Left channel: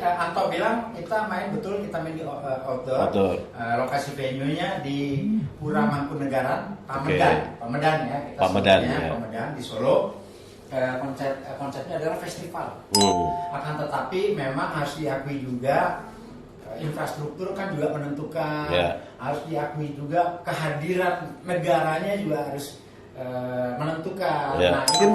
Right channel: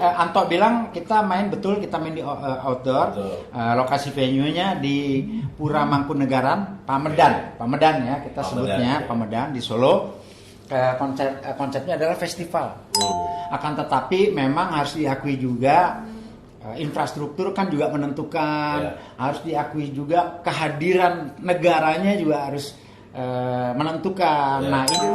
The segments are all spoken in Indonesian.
Anto bilang kita main di outdoor. Lokasi venue-nya di Pura Mangkunegaran, Pamedan. Pamedan ya kita sebutnya, Pamedan di Solo. Konsepnya adalah festival. Akan tetapi memang harus diakui juga infrastruktur kan juga menentukan. Harus diakui juga kehadiran negaranya juga harus menentukan. Nah, ini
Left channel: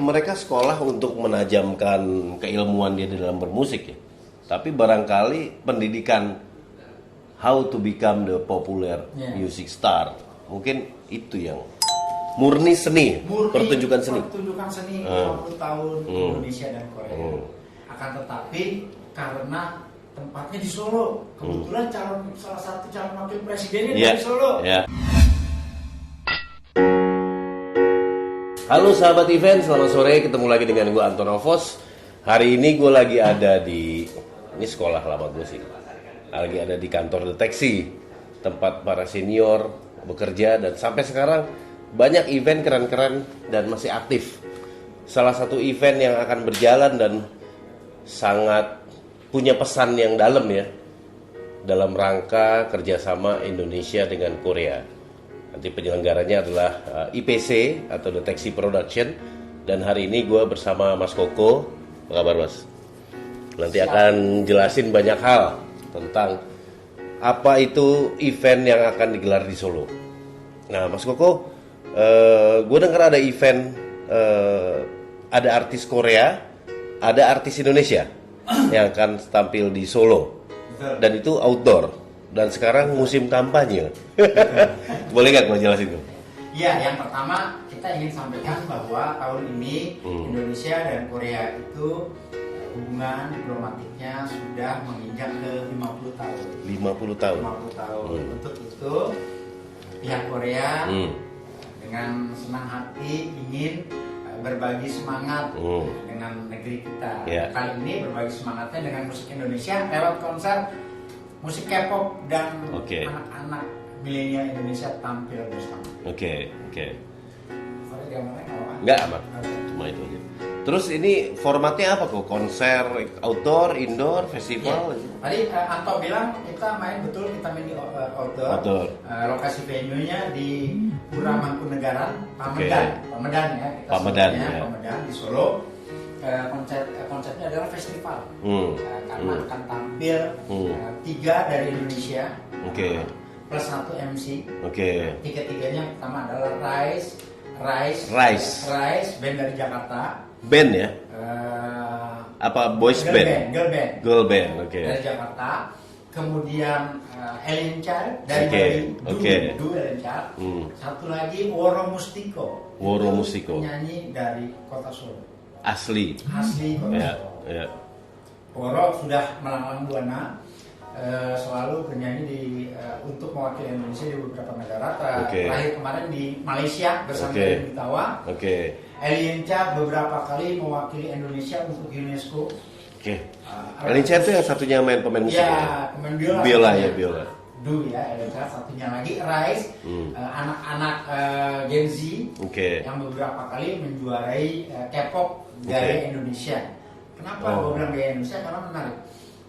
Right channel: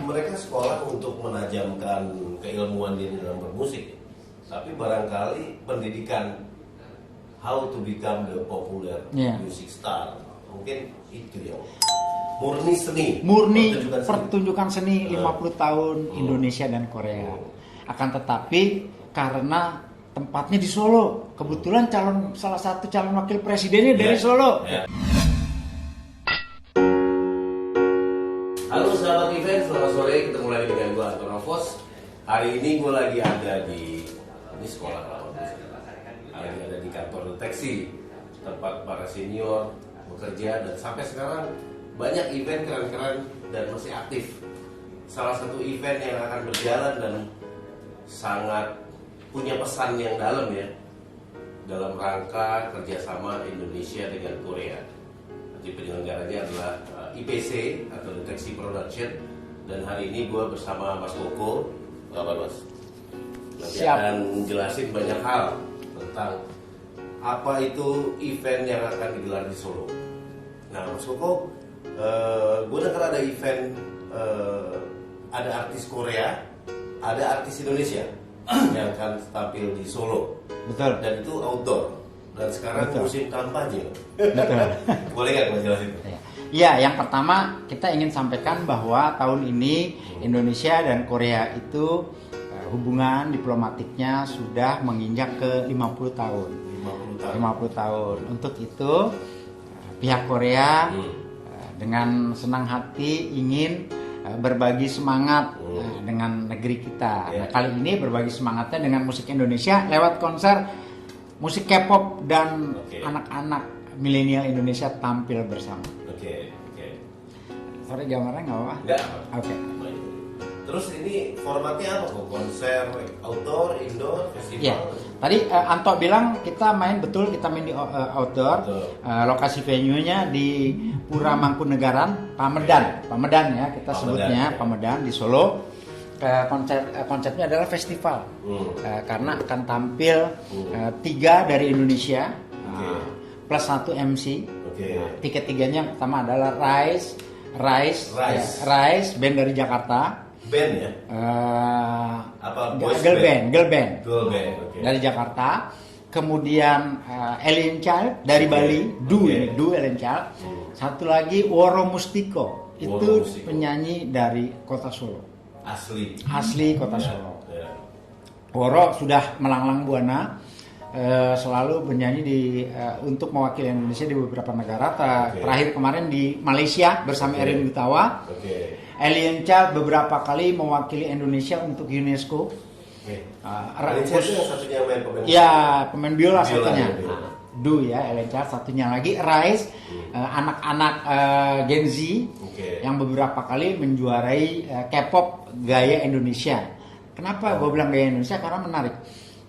mereka sekolah untuk menajamkan keilmuan dia di dalam bermusik ya. Tapi barangkali pendidikan how to become the popular music star mungkin itu yang murni seni, pertunjukan seni 50 tahun Indonesia dan Korea. Akan tetapi karena tempatnya di Solo, kebetulan salah satu calon wakil presidennya dari Solo. Halo sahabat event, selamat sore, ketemu lagi dengan gue Anton Novos. Hari ini gue lagi ada di sekolah lama musik, lagi ada di kantor deteksi, tempat para senior bekerja, dan sampai sekarang banyak event keren-keren dan masih aktif. Salah satu event yang akan berjalan dan sangat punya pesan yang dalam ya, dalam rangka kerjasama Indonesia dengan Korea. Nanti penyelenggaranya adalah IPC atau Deteksi Production, dan hari ini gue bersama Mas Koko. Apa kabar Mas? Nanti akan jelasin banyak hal tentang apa itu event yang akan digelar di Solo. Nah Mas Koko, gue dengar ada event, ada artis Korea, ada artis Indonesia yang akan tampil di Solo. Betul. Dan itu outdoor. Dan sekarang musim kampanye. Boleh nggak gue jelasin? Ya, yang pertama kita ingin sampaikan bahwa tahun ini Indonesia dan Korea itu hubungan diplomatiknya sudah menginjak ke 50 tahun. 50 tahun. 50 tahun. Untuk itu pihak Korea dengan senang hati ingin berbagi semangat dengan negeri kita. Kali ini berbagi semangatnya dengan musik Indonesia lewat konser musik K-pop dan anak-anak milenial Indonesia tampil bersama. Oke. Sorry gambarnya nggak apa-apa? Nggak apa. Cuma itu aja. Terus ini formatnya apa kok? Konser, outdoor, indoor, festival? Tadi Anto bilang kita main di outdoor. Lokasi venue-nya di Pura Mangkunegaran, Pamedan. Pamedan ya kita sebutnya, Pamedan di Solo. Konsepnya adalah festival. Karena akan tampil 3 dari Indonesia. Plus 1 MC. Tiket tiganya pertama adalah Rise, band dari Jakarta. Band ya? Apa boys band? Girl band. Dari Jakarta. Kemudian Alien Child dari Bali. Du Alien Child. Satu lagi Woro Mustiko. Itu penyanyi dari kota Solo. Asli kota Solo. Woro sudah melanglang buana. Selalu bernyanyi untuk mewakili Indonesia di beberapa negara. Terakhir kemarin di Malaysia bersama Erin Gutawa. Alien Child beberapa kali mewakili Indonesia untuk UNESCO. Alien Child itu yang satunya main pemain musik. Ya, pemain biola. Biola. Du ya, Alien Child. Satunya lagi Rise, anak-anak Gen Z yang beberapa kali menjuarai K-pop gaya Indonesia. Kenapa gue bilang gaya Indonesia? Karena menarik.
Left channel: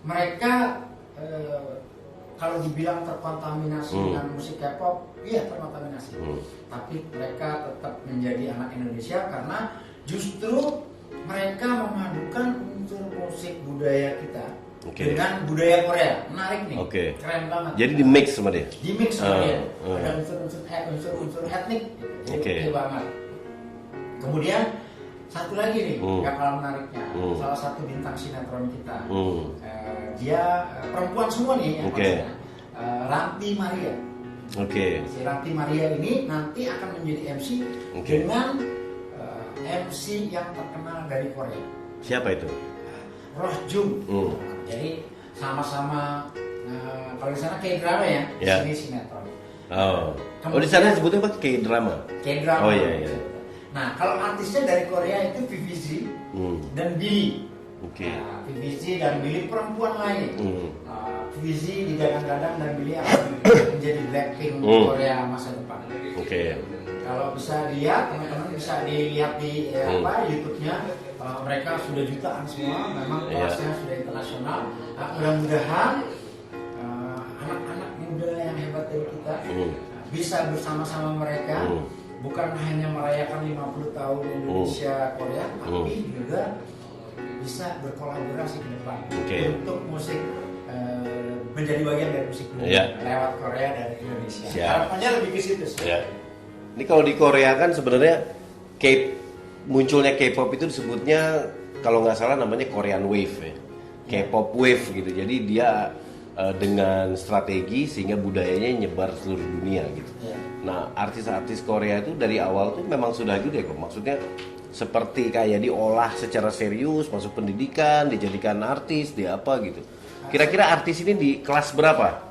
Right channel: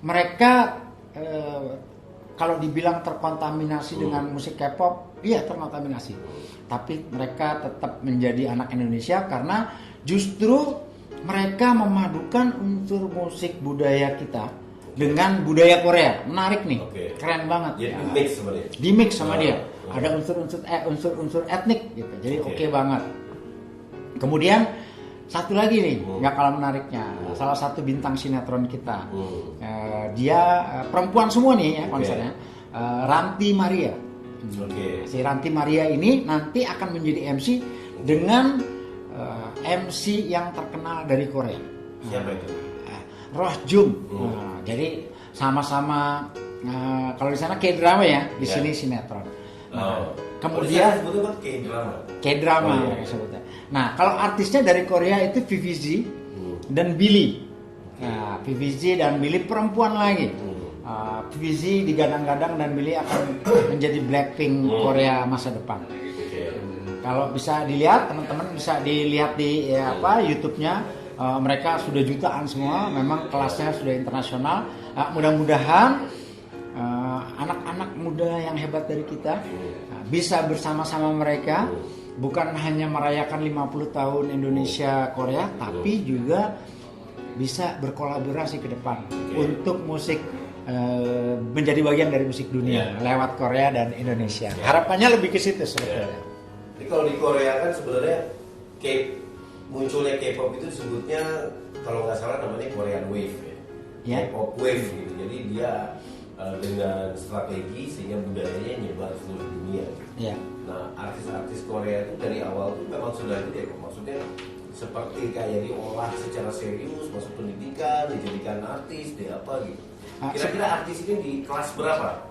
Mereka kalau dibilang terkontaminasi dengan musik K-pop, iya terkontaminasi. Tapi mereka tetap menjadi anak Indonesia karena justru mereka memadukan unsur musik budaya kita dengan budaya Korea. Menarik nih, keren banget. Jadi di mix sama dia. Ada unsur etnik gitu. Jadi oke banget. Kemudian satu lagi nih, nggak kalah menariknya, salah satu bintang sinetron kita. Dia perempuan semua nih ya konsernya. Ranti Maria. Si Ranti Maria ini nanti akan menjadi MC dengan MC yang terkenal dari Korea. Siapa itu? Roh Jung. Jadi sama-sama kalau di sana K-drama ya, di sini sinetron. Di sana sebutnya apa? K-drama. K-drama sebutnya. Nah, kalau artisnya dari Korea itu VVZ dan Billy. VVZ dan Billy perempuan lagi. VVZ digadang-gadang dan Billy akan menjadi Blackpink Korea masa depan. Kalau bisa dilihat, teman-teman bisa dilihat di YouTube-nya mereka sudah jutaan semua, memang kelasnya sudah internasional. Mudah-mudahan anak-anak muda yang hebat dari kita bisa bersama-sama mereka, bukan hanya merayakan 50 tahun Indonesia Korea, tapi juga bisa berkolaborasi ke depan untuk musik, menjadi bagian dari musik dunia lewat Korea dan Indonesia. Harapannya lebih ke situ sebenarnya. Ini kalau di Korea kan sebenarnya munculnya K-pop itu disebutnya kalau nggak salah namanya Korean Wave ya. K-pop Wave gitu. Jadi dia dengan strategi sehingga budayanya nyebar seluruh dunia gitu. Nah, artis-artis Korea itu dari awal tuh memang sudah gitu ya, maksudnya seperti kayak diolah secara serius, masuk pendidikan, dijadikan artis, dia apa gitu. Kira-kira artis ini di kelas berapa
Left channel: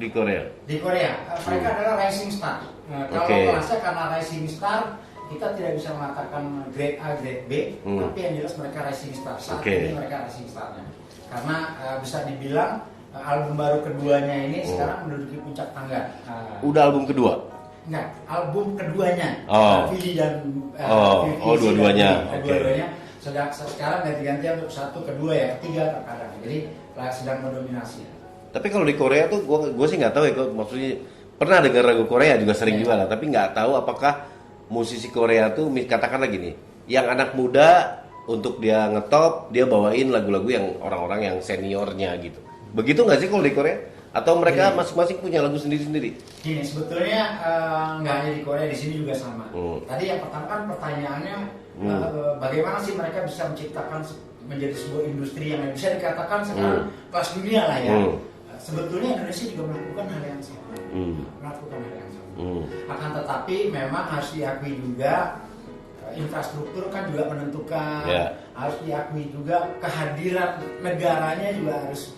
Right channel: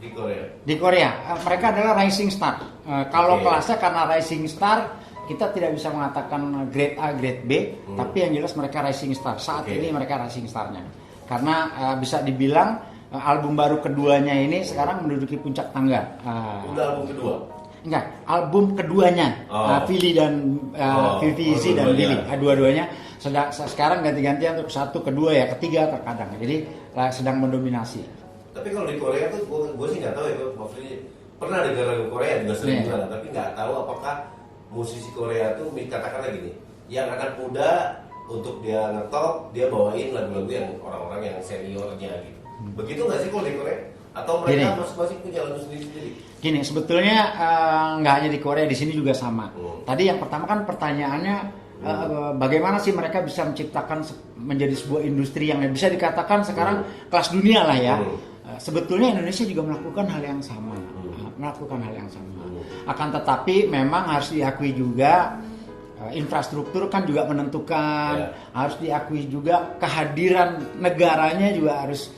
di Korea? Di Korea, mereka adalah rising star. Kalau kelasnya karena rising star, kita tidak bisa mengatakan grade A, grade B, tapi yang jelas mereka rising star. Saat ini mereka rising starnya. Karena bisa dibilang album baru keduanya ini sekarang menduduki puncak tangga. Udah album kedua? Enggak, album keduanya. Vivi dan Vivi dua-duanya. Dua-duanya sekarang ganti-gantian untuk satu, kedua ya, ketiga terkadang. Jadi sedang mendominasi. Tapi kalau di Korea tuh gue sih nggak tahu ya, maksudnya pernah dengar lagu Korea juga sering juga lah, tapi nggak tahu apakah musisi Korea tuh katakanlah gini, yang anak muda untuk dia ngetop, dia bawain lagu-lagu yang orang-orang yang seniornya gitu. Begitu nggak sih kalau di Korea? Atau mereka masing-masing punya lagu sendiri-sendiri? Gini, sebetulnya nggak hanya di Korea, di sini juga sama. Tadi yang pertama kan pertanyaannya, bagaimana sih mereka bisa menciptakan menjadi sebuah industri yang bisa dikatakan sekarang kelas dunia lah ya. Sebetulnya Indonesia juga melakukan hal yang sama. Akan tetapi memang harus diakui juga infrastruktur kan juga menentukan, harus diakui juga kehadiran negaranya juga harus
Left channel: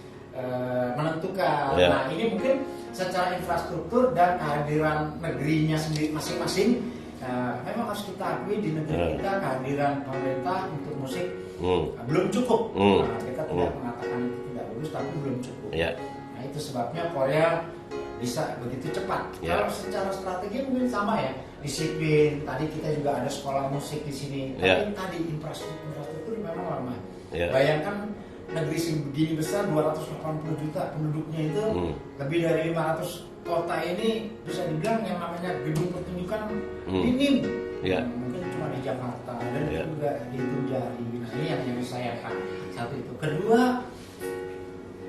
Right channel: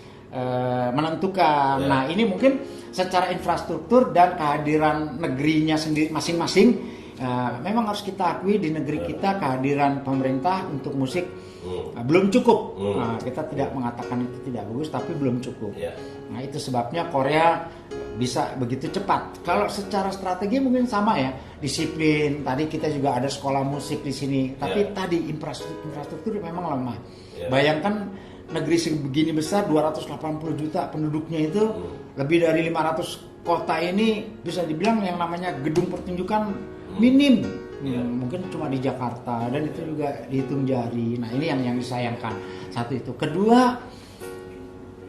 menentukan. Nah, ini mungkin secara infrastruktur dan kehadiran negerinya sendiri masing-masing, memang harus kita akui di negeri kita kehadiran pemerintah untuk musik belum cukup. Kita tidak mengatakan itu tidak bagus, tapi belum cukup. Nah, itu sebabnya Korea bisa begitu cepat. Kalau secara strategi mungkin sama ya, disiplin. Tadi kita juga ada sekolah musik di sini, tapi tadi infrastruktur memang lemah. Bayangkan negeri sebegini besar, 280 juta penduduknya itu, lebih dari 500 kota ini bisa dibilang yang namanya gedung pertunjukan minim. Mungkin cuma di Jakarta dan itu juga dihitung jari. Nah, ini yang disayangkan. Satu itu. Kedua,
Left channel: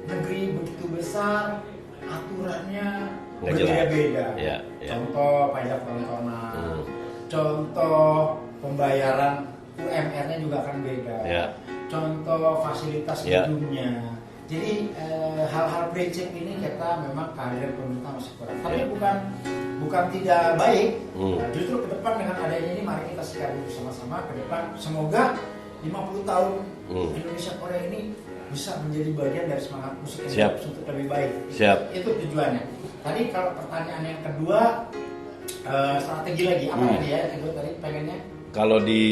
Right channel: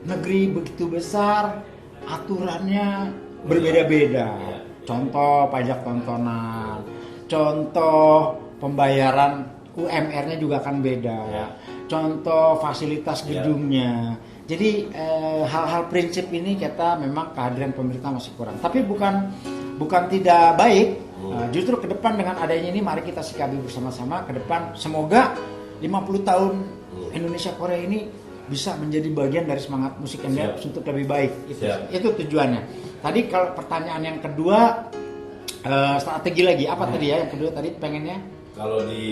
negeri begitu besar, aturannya berbeda-beda. Contoh pajak tontonan, contoh pembayaran UMR-nya juga akan beda. Contoh fasilitas gedungnya. Jadi hal-hal prinsip ini kita memang kehadiran pemerintah masih kurang. Tapi bukan tidak baik. Justru ke depan dengan adanya ini mari kita sikapi bersama-sama ke depan. Semoga 50 tahun Indonesia Korea ini bisa menjadi bagian dari semangat musik Indonesia untuk lebih baik. Itu tujuannya. Tadi kalau pertanyaan yang kedua, strategi lagi apa tadi ya? Yang kedua tadi pengennya? Kalau di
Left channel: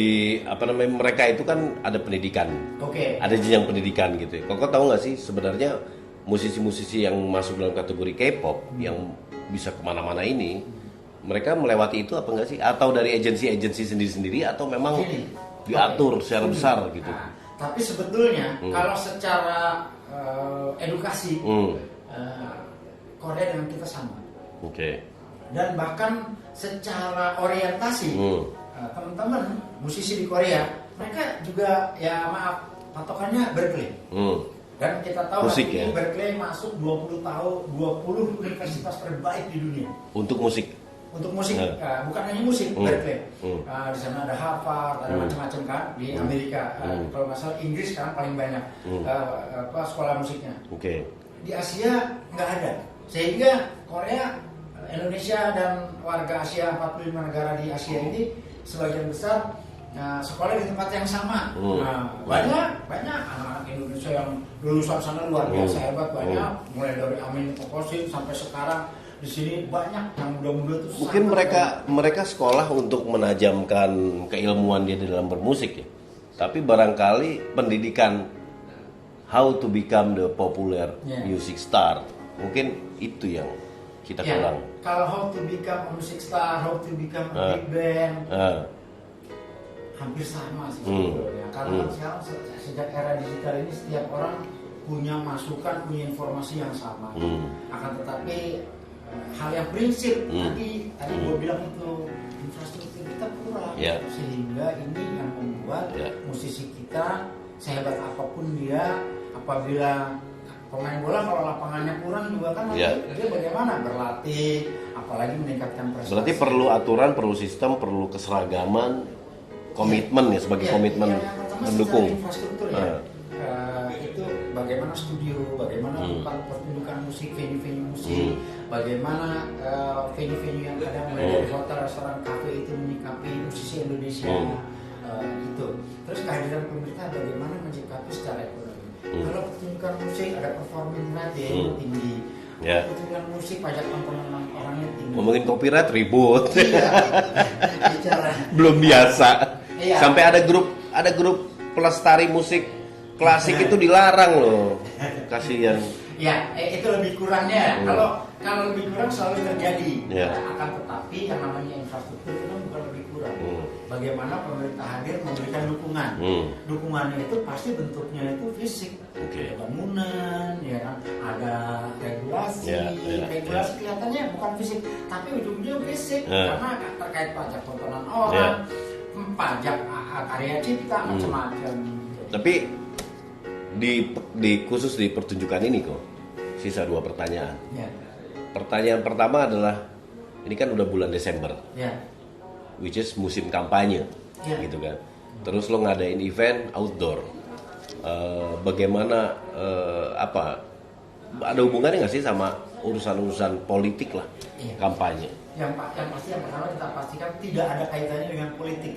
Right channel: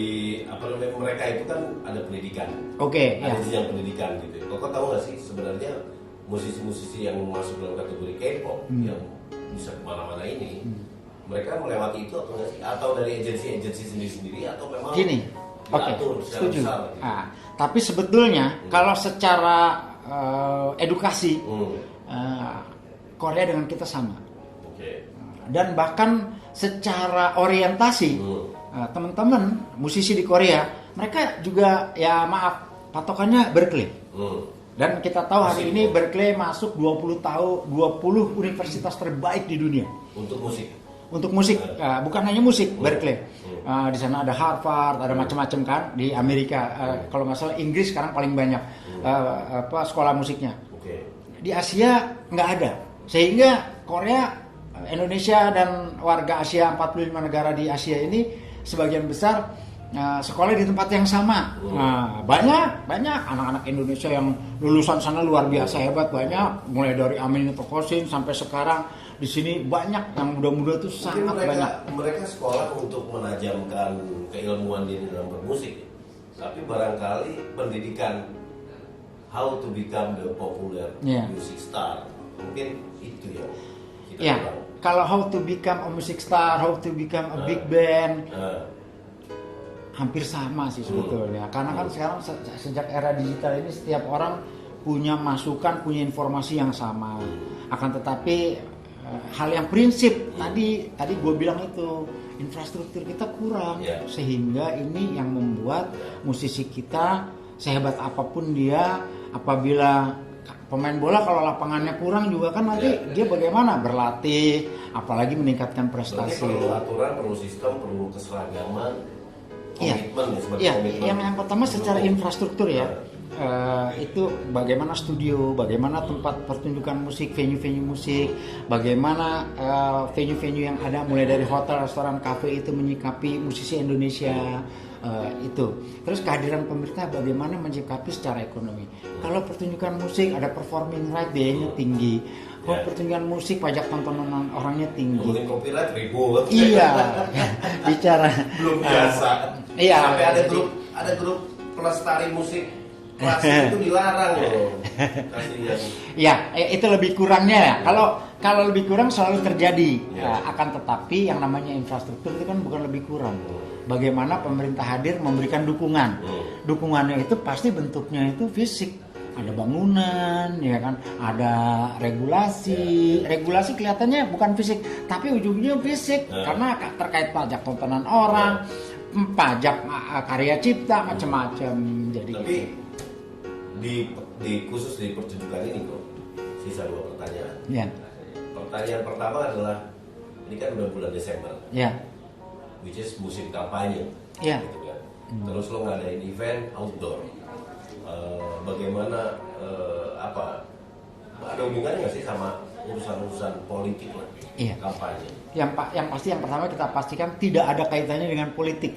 mereka itu kan ada pendidikan, ada jenjang pendidikan gitu. Kau tahu nggak sih sebenarnya musisi-musisi yang masuk dalam kategori K-pop yang bisa kemana-mana ini, mereka melewati itu apa nggak sih? Atau dari agensi-agensi sendiri-sendiri atau memang diatur secara besar gitu? Tapi sebetulnya kalau secara edukasi Korea dengan kita sama. Dan bahkan secara orientasi teman-teman musisi di Korea, mereka juga ya maaf patokannya Berkeley. Dan kita tahu hari ini Berkeley masuk 20 universitas terbaik di dunia untuk musik. Bukan hanya musik, Berkeley. Di sana ada Harvard, ada macam-macam kan di Amerika. Kalau nggak salah Inggris sekarang paling banyak sekolah musiknya. Di Asia nggak ada. Sehingga Korea, Indonesia dan warga Asia 45 negara di Asia ini sebagian besar sekolah di tempat yang sama. Banyak anak-anak Indonesia yang lulusan sana luar biasa hebat, banyak mulai dari Amin Tokosin sampai sekarang di sini banyak yang muda-muda itu. Mungkin mereka sekolah untuk menajamkan keilmuan dia di dalam bermusik ya. Tapi barangkali pendidikan how to become the popular music star mungkin itu yang kita kurang. Kalau how to become a music star, how to become a big band, hampir sama sih sebetulnya. Karena kan sekarang sejak era digital ini setiap orang punya masukan, punya informasi yang sama. Akan tetapi hal yang prinsip tadi gue bilang itu infrastruktur kita kurang, sehingga ini yang membuat musisi kita sehebat apapun dia, apabila pemain bola kalau lapangannya kurang juga kan nanti dia bagaimana berlatih, apalagi meningkatkan prestasi. Berarti perlu aturan, perlu sistem, perlu keseragaman, komitmen sebagai komitmen. Yang pertama secara infrastruktur itu bagaimana studio, bagaimana tempat pertunjukan musik, venue-venue musik, bagaimana venue-venue yang ada mulai dari hotel, restoran, kafe itu menyikapi musisi Indonesia itu. Terus kehadiran pemerintah bagaimana menyikapi secara ekonomi. Kalau pertunjukan musik ada performing right biayanya tinggi. Kalau pertunjukan musik pajak tontonan orangnya tinggi. Ngomongin copyright ribut. Iya. Bicara belum biasa. Sampai ada grup pelestari musik klasik itu dilarang loh. Kasihan. Ya, itu lebih kurangnya. Kalau lebih kurang selalu terjadi. Akan tetapi yang namanya infrastruktur itu kan bukan lebih kurang. Bagaimana pemerintah hadir memberikan dukungan. Dukungannya itu pasti bentuknya itu fisik. Ada bangunan, ya kan, ada regulasi. Regulasi kelihatannya bukan fisik, tapi ujungnya fisik karena terkait pajak tontonan orang, pajak karya cipta, macam-macam. Tapi di khusus di pertunjukan ini kok sisa 2 pertanyaan. Pertanyaan pertama adalah ini kan udah bulan Desember, which is musim kampanye, gitu kan. Terus lo ngadain event outdoor, bagaimana ada hubungannya nggak sih sama urusan-urusan politik lah, kampanye? Yang pasti yang pertama kita pastikan tidak ada kaitannya dengan politik.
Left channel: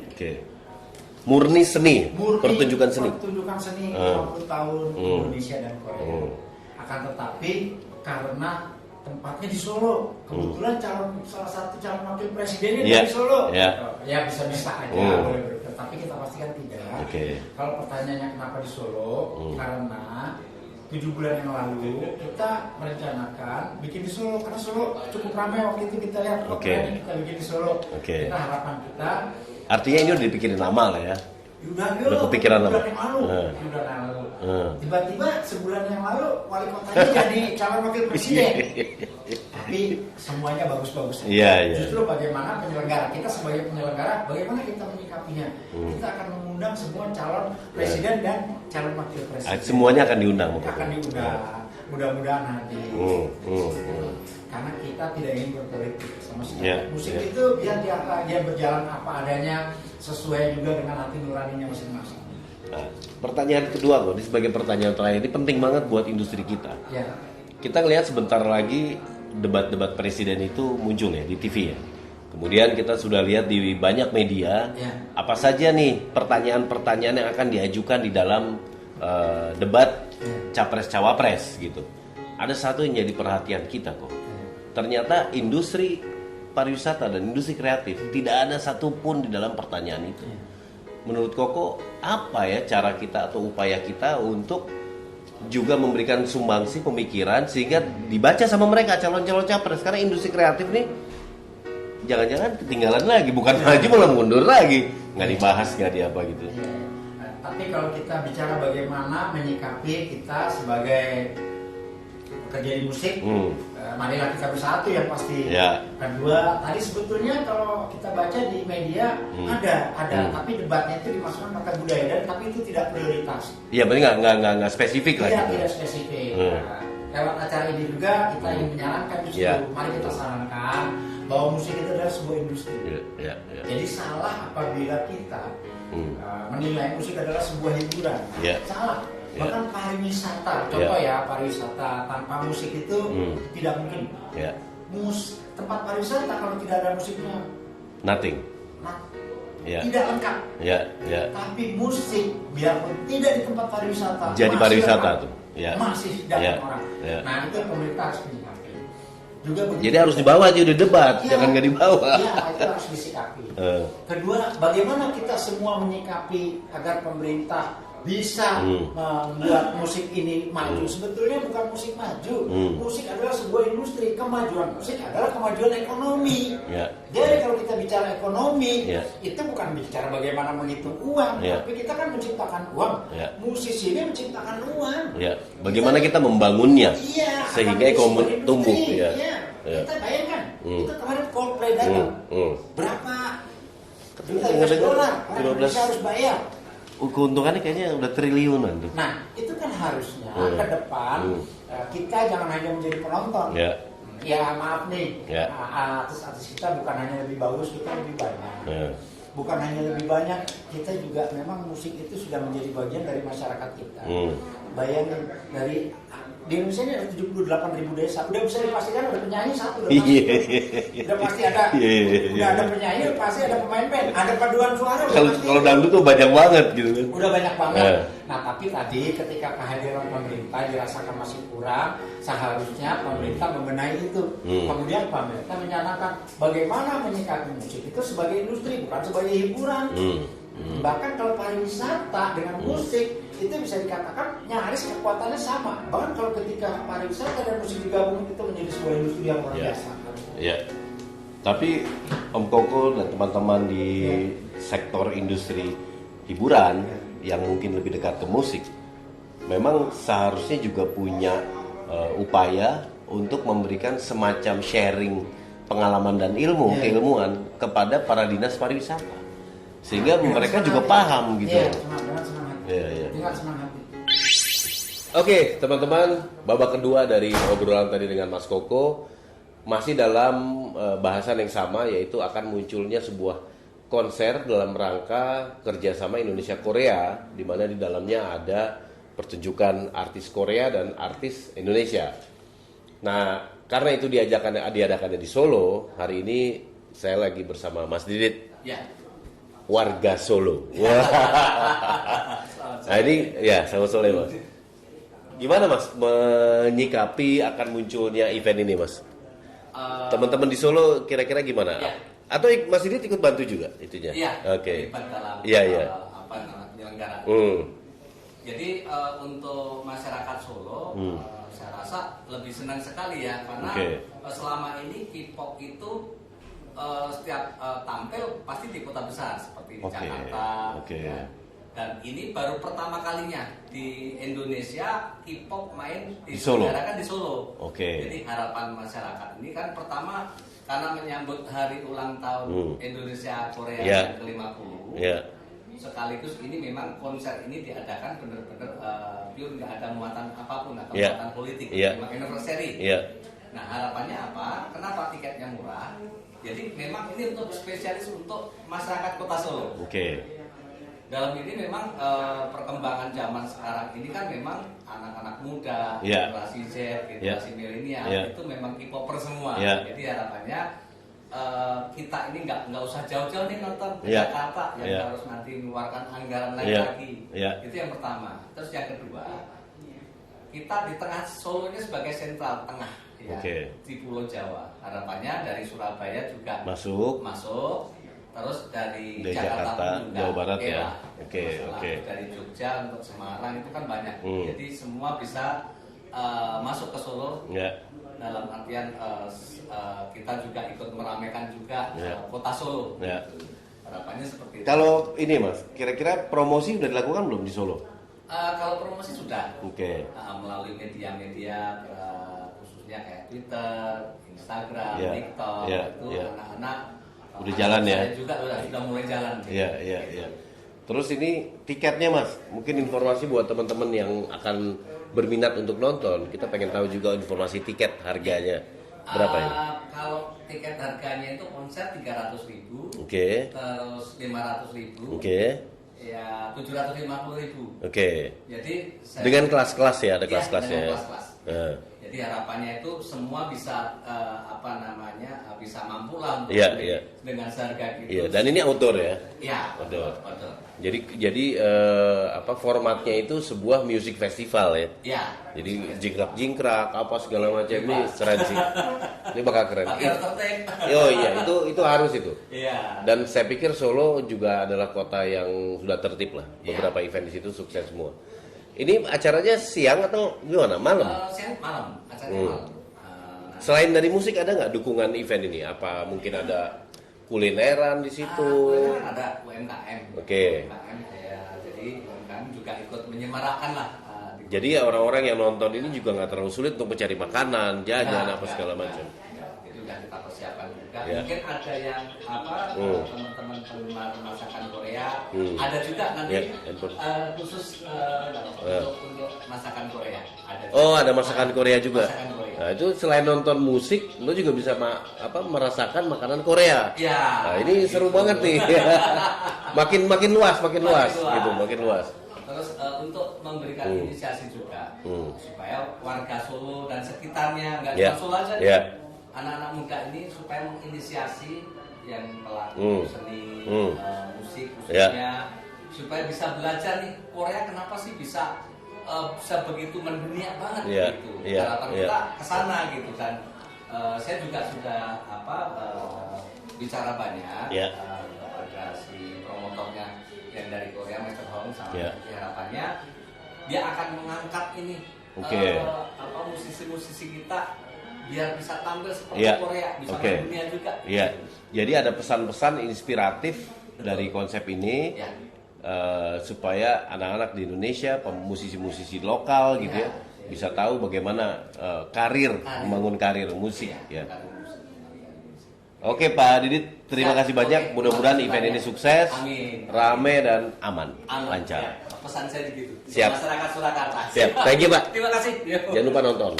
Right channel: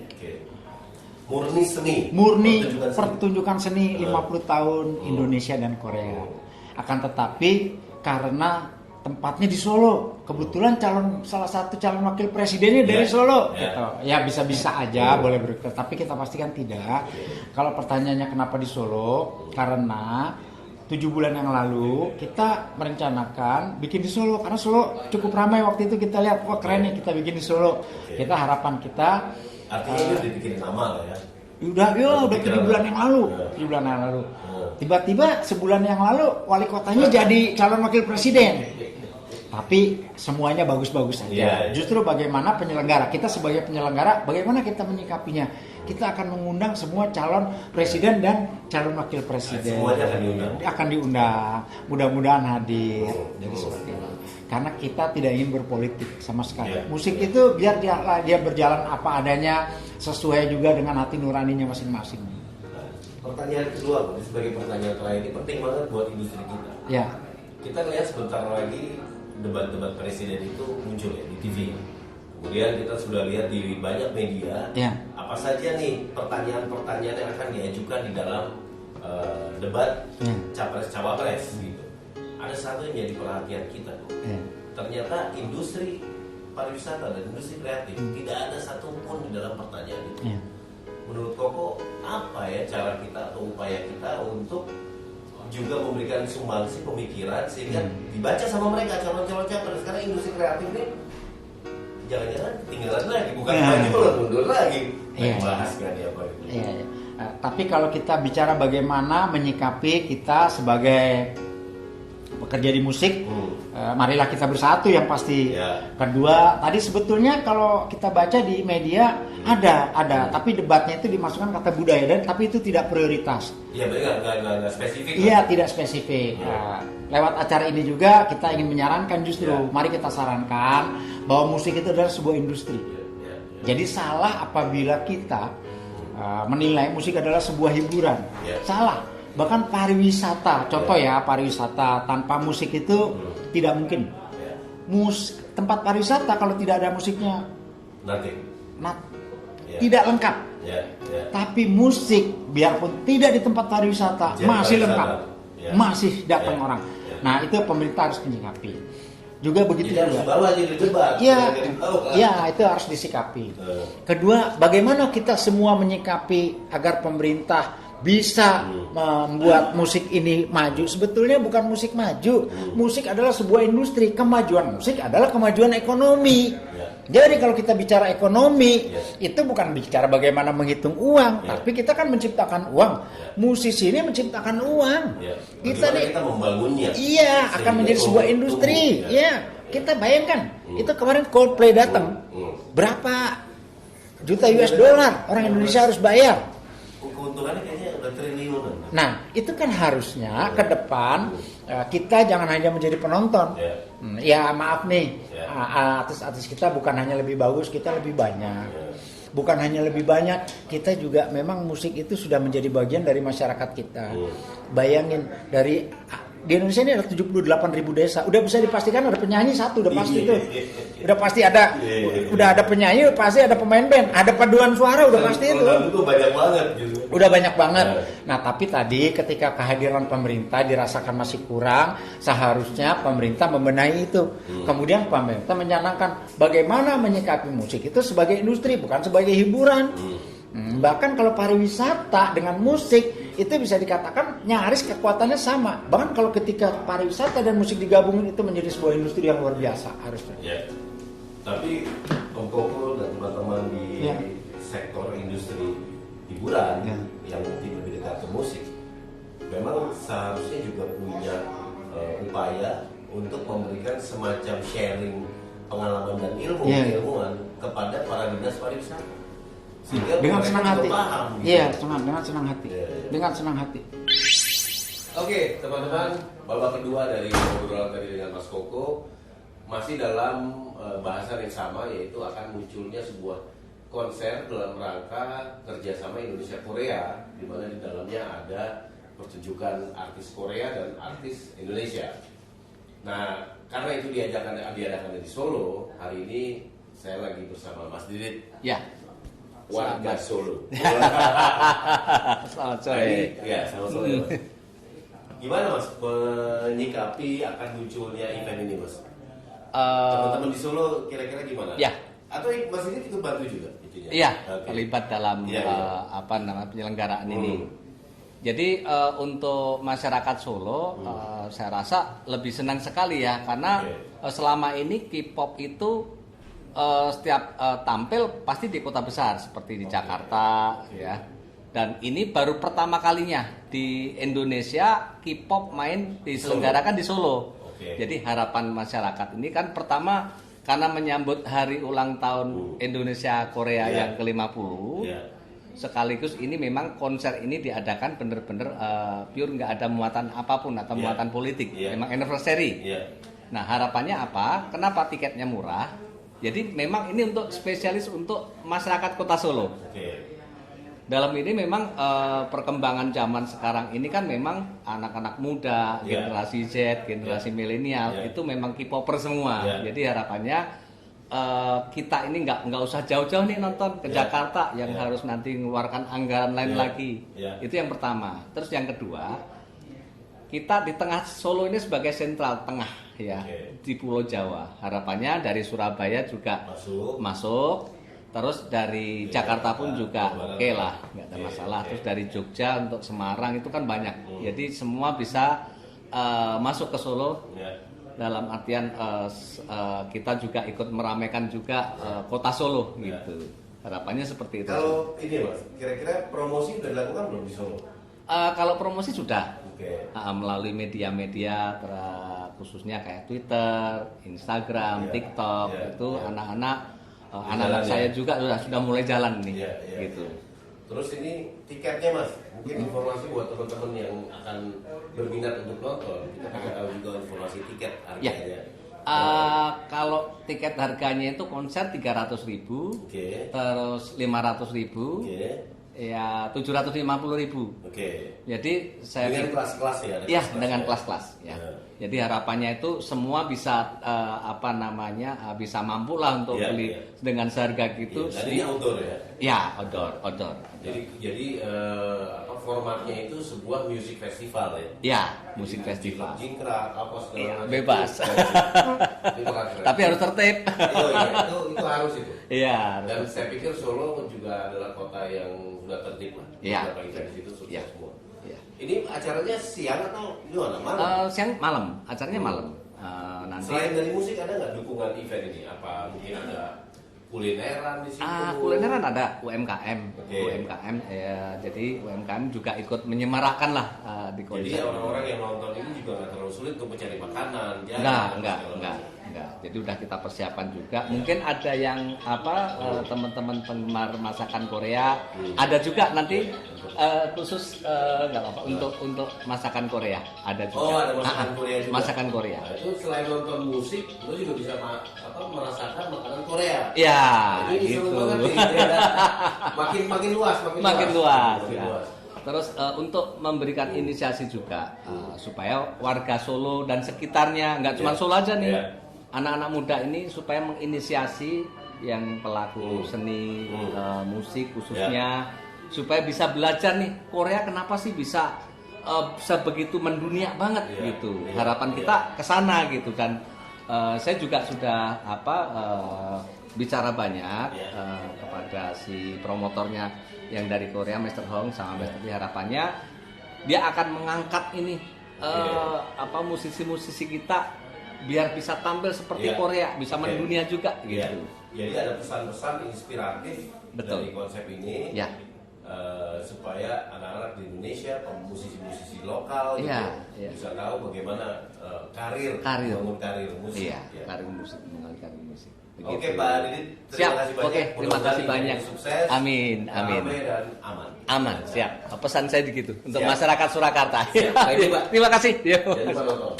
Murni seni, pertunjukan seni 50 tahun Indonesia dan Korea. Akan tetapi karena tempatnya di Solo, kebetulan salah satu calon wakil presidennya dari Solo, ya bisa-bisa aja boleh berkenan, tapi kita pastikan tidak. Kalau pertanyaannya kenapa di Solo, karena 7 bulan yang lalu kita merencanakan bikin di Solo, karena Solo cukup ramai waktu itu, kita lihat kok keren nih kita bikin di Solo. Kita harapan kita, artinya ini udah dipikirin lama lah ya. Udah bulan yang lalu. Tiba-tiba sebulan yang lalu wali kotanya jadi calon wakil presiden. Tapi semuanya bagus-bagus saja. Justru bagaimana penyelenggara, kita sebagai penyelenggara bagaimana kita menyikapinya. Kita akan mengundang semua calon presiden dan calon wakil presiden. Semuanya akan diundang. Akan diundang. Mudah-mudahan hadir. Karena kita tidak ingin berpolitik sama sekali. Musik itu biar dia berjalan apa adanya, sesuai juga dengan hati nuraninya masing-masing. Pertanyaan kedua loh, ini sebagai pertanyaan terakhir, ini penting banget buat industri kita. Kita lihat sebentar lagi debat-debat presiden itu muncul ya di TV ya. Kemudian kita sudah lihat di banyak media apa saja nih pertanyaan-pertanyaan yang akan diajukan di dalam debat capres-cawapres gitu. Ada satu yang jadi perhatian kita kok. Ternyata industri pariwisata dan industri kreatif tidak ada satupun di dalam pertanyaan itu. Menurut Koko, apa ya cara kita atau upaya kita untuk juga memberikan sumbangsi pemikiran sehingga dibaca sama mereka calon-calon capres? Karena industri kreatif nih jangan-jangan ketinggalan lagi, bukan lagi malah mundur lagi, nggak dibahas, nggak di apa gitu. Tapi kalau kita bicara bagaimana menyikapi kita sebagai bekerja di musik, marilah kita bersatu yang pasti. Kedua, tadi sebetulnya kalau kita baca di media ada, tapi debatnya itu dimasukkan kata budaya dan tapi itu tidak prioritas. Iya, berarti nggak spesifik. Iya, tidak spesifik. Lewat acara ini juga kita ingin menyarankan justru, mari kita sarankan bahwa musik itu adalah sebuah industri. Jadi salah apabila kita menilai musik adalah sebuah hiburan. Salah. Bahkan pariwisata, contoh pariwisata tanpa musik itu tidak mungkin. Tempat pariwisata kalau tidak ada musiknya, nothing. Tidak lengkap. Tapi musik biarpun tidak di tempat pariwisata jadi masih pariwisata lengkap, masih datang orang. Nah itu pemerintah harus menyikapi. Juga begitu. Jadi harus dibawa di debat, jangan nggak dibawa. Iya, itu harus disikapi. Kedua, bagaimana kita semua menyikapi agar pemerintah bisa membuat musik ini maju. Sebetulnya bukan musik maju, musik adalah sebuah industri. Kemajuan musik adalah kemajuan ekonomi. Jadi kalau kita bicara ekonomi, itu bukan bicara bagaimana menghitung uang, tapi kita kan menciptakan uang. Musisi ini menciptakan uang. Bagaimana kita membangunnya? Iya, akan menjadi sebuah industri. Kita bayangkan, itu kemarin Coldplay datang, berapa juta US dollar orang Indonesia harus bayar. Keuntungannya kayaknya udah triliunan. Nah, itu kan harusnya ke depan kita jangan hanya menjadi penonton. Ya maaf nih, artis-artis kita bukan hanya lebih bagus, kita lebih banyak. Bukan hanya lebih banyak, kita juga memang musik itu sudah menjadi bagian dari masyarakat kita. Bayangin, di Indonesia ini ada 78.000 desa. Udah bisa dipastikan ada penyanyi satu, udah pasti itu. Udah pasti ada. Udah ada penyanyi, pasti ada pemain band, ada paduan suara, udah pasti. Kalau dangdut tuh banyak banget gitu. Udah banyak banget. Nah, tapi tadi ketika kehadiran pemerintah dirasakan masih kurang, seharusnya pemerintah membenahi itu. Kemudian pemerintah mencanangkan bagaimana menyikapi musik itu sebagai industri, bukan sebagai hiburan. Bahkan kalau pariwisata dengan musik itu bisa dikatakan nyaris kekuatannya sama. Bahkan kalau ketika pariwisata dan musik digabungin itu menjadi sebuah industri yang luar biasa harusnya. Tapi Om Koko dan teman-teman di sektor industri hiburan yang mungkin lebih dekat ke musik, memang seharusnya juga punya upaya untuk memberikan semacam sharing pengalaman dan keilmuan kepada para dinas pariwisata. Sehingga mereka juga paham gitu. Dengan senang hati. Dengan senang hati. Oke, teman-teman, babak kedua dari obrolan tadi dengan Mas Koko masih dalam bahasan yang sama, yaitu akan munculnya sebuah konser dalam rangka kerjasama Indonesia Korea, di mana di dalamnya ada pertunjukan artis Korea dan artis Indonesia. Nah, karena itu diadakannya di Solo, hari ini saya lagi bersama Mas Didit. Warga Solo. Nah, ini sama sore Mas. Gimana Mas menyikapi akan munculnya event ini Mas? Teman-teman di Solo kira-kira gimana? Atau Mas Didit ikut bantu juga itunya? Terlibat dalam penyelenggaraan. Jadi untuk masyarakat Solo, saya rasa lebih senang sekali ya, karena selama ini K-pop itu setiap tampil pasti di kota besar seperti di Jakarta, dan ini baru pertama kalinya di Indonesia K-pop main diselenggarakan di Solo. Jadi harapan masyarakat ini kan pertama karena menyambut hari ulang tahun Indonesia Korea yang ke-50. Sekaligus ini memang konser ini diadakan bener-bener pure, nggak ada muatan apapun atau muatan politik, memang anniversary. Nah, harapannya apa? Kenapa tiketnya murah? Jadi memang ini untuk spesialis untuk masyarakat Kota Solo. Dalam ini memang perkembangan zaman sekarang ini kan memang anak-anak muda, generasi Z, generasi milenial itu memang K-popper semua. Jadi harapannya kita ini nggak usah jauh-jauh nih nonton ke Jakarta yang harus nanti mengeluarkan anggaran lain lagi. Itu yang pertama. Terus yang kedua, kita di tengah Solo ini sebagai sentral tengah di Pulau Jawa. Harapannya dari Surabaya juga masuk. Terus dari Jakarta pun juga lah, nggak masalah. Terus dari Jogja untuk Semarang itu kan banyak. Jadi semua bisa masuk ke Solo. Dalam artian kita juga ikut meramaikan juga kota Solo gitu. Harapannya seperti itu. Kalau ini Mas, kira-kira promosi udah dilakukan belum di Solo? Kalau promosi sudah melalui media-media khususnya kayak Twitter, Instagram, TikTok itu anak-anak saya juga sudah mulai jalan nih. Gitu. Terus ini tiketnya Mas, mungkin informasi buat teman-teman yang akan berminat untuk nonton. Kita pengen tahu juga informasi tiket harganya. Kalau tiket harganya itu konser 300.000, terus 500.000, ya 750.000. Jadi dengan kelas-kelas ya, ada kelas-kelas. Dengan kelas-kelas. Jadi harapannya itu semua bisa bisa mampu lah untuk beli dengan seharga gitu. Dan ini outdoor ya? Ya, outdoor. Jadi apa formatnya itu sebuah music festival ya? Ya. Jadi jingkrak apa segala macam. Bebas. Keren sih. Ini bakal keren. Tapi harus tertib. Oh iya, itu harus itu. Iya. Dan saya pikir Solo juga adalah kota yang sudah tertib lah. Iya. Beberapa event di situ sukses semua. Ini acaranya siang atau gimana? Malam? Siang malam. Acaranya malam. Nanti. Selain dari musik ada nggak dukungan event ini? Apa mungkin ada kulineran di situ? Kulineran ada UMKM. Oke. UMKM ya, jadi UMKM juga ikut menyemarakan lah. Jadi ya orang-orang yang nonton ini juga nggak terlalu sulit untuk mencari makanan, jajan, apa segala macam. Jadi udah kita persiapkan juga. Mungkin ada yang teman-teman penggemar masakan Korea. Ada juga nanti khusus untuk masakan Korea. Ada juga. Oh, ada masakan Korea juga. Masakan Korea. Nah, itu selain nonton musik, lo juga bisa merasakan makanan Korea. Iya. Nah, ini seru banget nih. makin luas. Makin luas. Terus untuk memberikan inisiasi juga supaya warga Solo dan sekitarnya, nggak cuma Solo aja nih, anak-anak muda ini supaya menginisiasi yang pelaku seni musik khususnya, supaya bisa belajar nih Korea kenapa sih bisa begitu mendunia banget gitu. Harapan kita kesana gitu kan. Saya juga sudah bicara banyak kepada si promotornya yang dari Korea, Mr. Hong, sama harapannya dia akan mengangkat ini musisi-musisi kita biar bisa tampil seperti Korea, bisa mendunia juga. Gitu. Jadi ada pesan-pesan inspiratif dari konsep ini supaya anak-anak di Indonesia, musisi-musisi lokal gitu bisa tahu bagaimana membangun karir musik. Karir musik. Oke Pak Didit, terima kasih banyak. Mudah-mudahan event ini sukses, rame dan aman. Lancar. Pesan saya begitu untuk masyarakat Surakarta. Thank you Pak. Terima kasih. Jangan lupa nonton.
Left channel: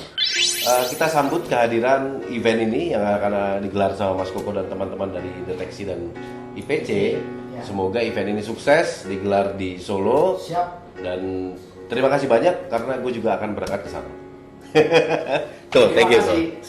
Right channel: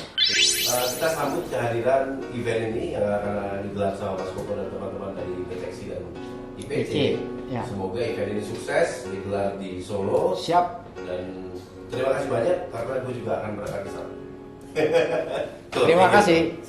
Kita sambut kehadiran event ini yang akan digelar sama Mas Koko dan teman-teman dari Deteksi dan IPC. Semoga event ini sukses, digelar di Solo. Siap. Dan terima kasih banyak karena gue juga akan berangkat ke sana. Terima kasih.